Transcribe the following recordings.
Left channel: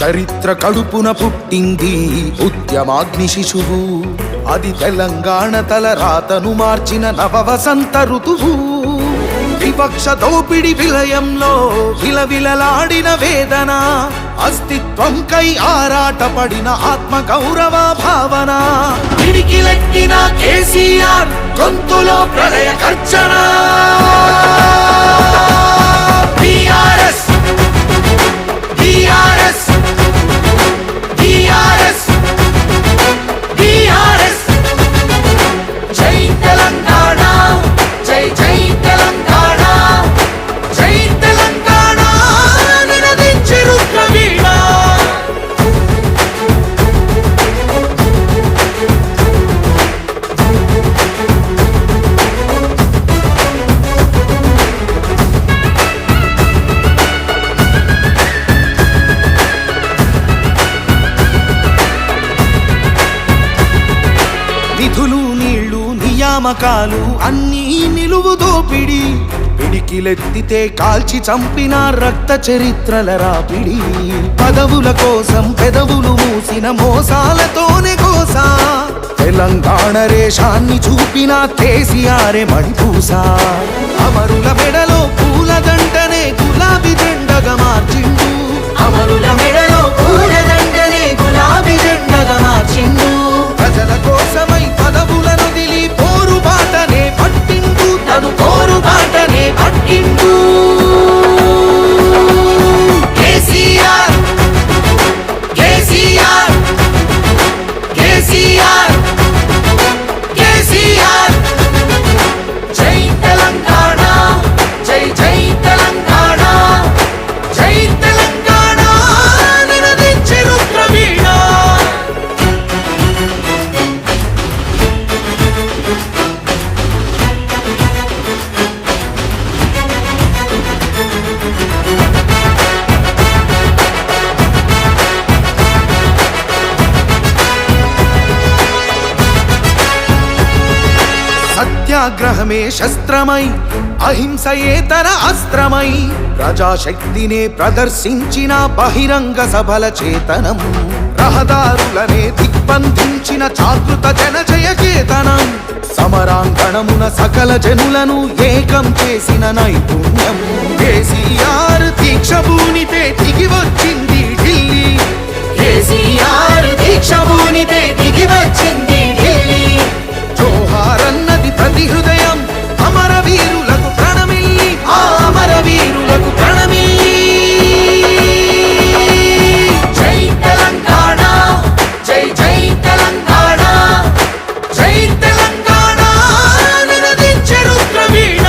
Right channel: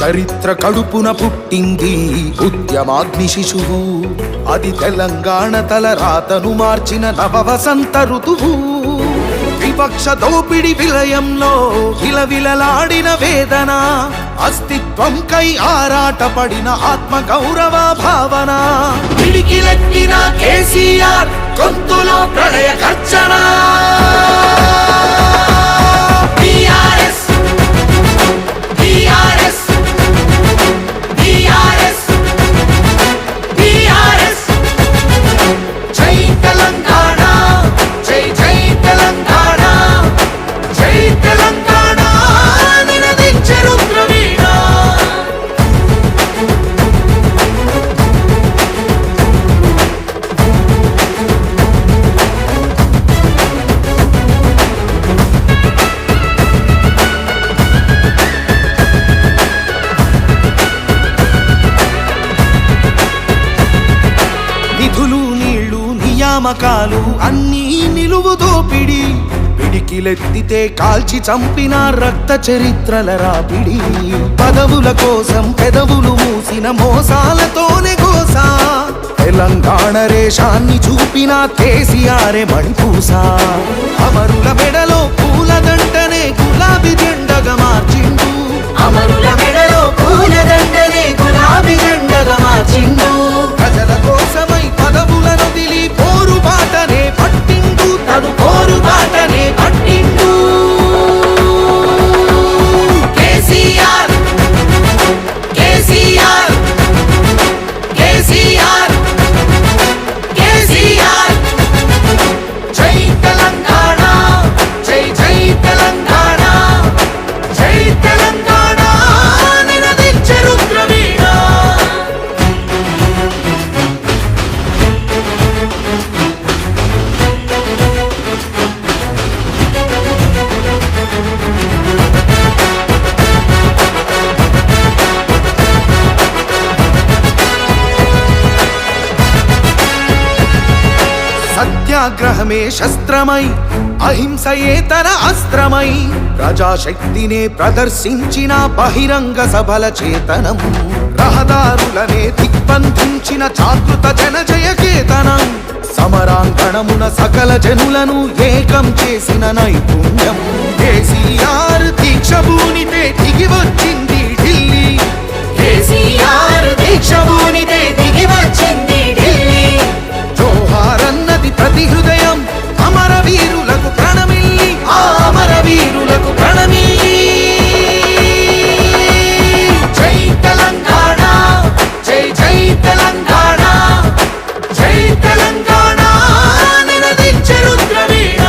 చరిత్ర కడుపున పుట్టింది ఉద్యమాగ్ని శిశువు, అది తెలంగాణ తలరాతను మార్చిన నవవసంత ఋతువు. వివక్ష దోపిడి విలయంలో విలవిలలాడిన వేదన, అస్తిత్వంకై ఆరాటపడిన ఆత్మ గౌరవ భావన. పిడికిలెత్తిన కేసీఆర్ గొంతులో ప్రళయ గర్జన. నిధులు నీళ్లు నియామకాలు అన్నీ నిలువు దోపిడి, పిడికిలెత్తితే కాల్చి చంపిన రక్త చరిత్రల రాపిడి. పదవుల కోసం పెదవులు మూసిన మోసాలతోనే గోసా, తెలంగాణ రేషాన్ని చూపిన కేసీఆరే మణిపూస. అమరుల మెడలో పూలదండనే గులాబీ జెండగా మార్చిండు, అమరుల మెడలో పూలదండనే గులాబీ జెండగా మార్చిండు. ప్రజల కోసమై పదవులను దిలి పోరుబాటనే పట్టిండు, తను పోరుబాటనే పట్టిండు. కేసీఆర్ కేసీఆర్ కేసీఆర్ కేసీఆర్. జై తెలంగాణ, జై జై తెలంగాణ, జై తెలంగాణ నినదించే రుద్రవీణ. సత్యాగ్రహమే శస్త్రమై, అహింసయే తన అస్త్రమై, ప్రజాశక్తినే ప్రదర్శించిన బహిరంగ సభల చేతనం. రహదారులనే దిగ్బంధించిన జాగృత జనజయ కేతనం. సమరాంగణమున సకల జనులను ఏకం చేసిన నైపుణ్యం. కేసీఆర్ దీక్ష భూనితే దిగి వచ్చింది ఢిల్లీ, కేసీఆర్ దీక్ష భూనితే దిగి వచ్చింది ఢిల్లీ. జోహారన్నది ప్రతి హృదయం, అమరవీరులకు ప్రణమిల్లి, ఆ అమరవీరులకు ప్రణమిల్లి. జై తెలంగాణ, జై జై తెలంగాణ, జై తెలంగాణ నినదించే రుద్రవీణ.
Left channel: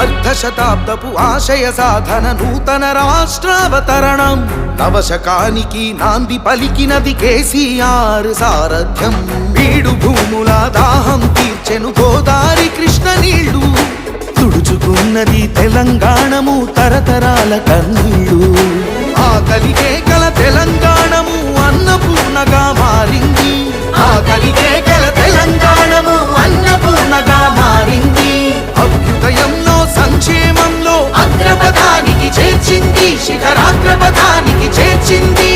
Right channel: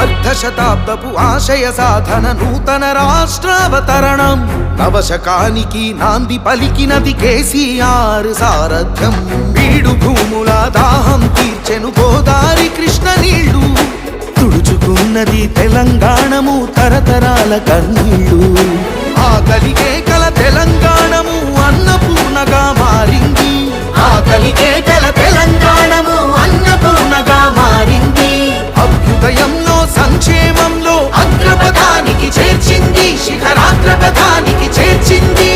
అర్ధశతాబ్దపు ఆశయ సాధన, నూతన రాష్ట్రావతరణం. నవశకానికి నాంది పలికినది కేసీఆర్ సారథ్యం. బీడు భూముల దాహం తీర్చెను గోదారి కృష్ణ నీళ్లు, తుడుచుకున్నది తెలంగాణము తరతరాల కన్నీళ్లు. ఆకలికే కల తెలంగాణము అన్నపూర్ణగా మారింది, ఆకలికే కల తెలంగాణము అన్నపూర్ణగా మారింది. అభ్యుదయంలో సంక్షేమంలో అగ్రపథానికి చేర్చింది, శిఖరాగ్రపథానికి చేర్చింది.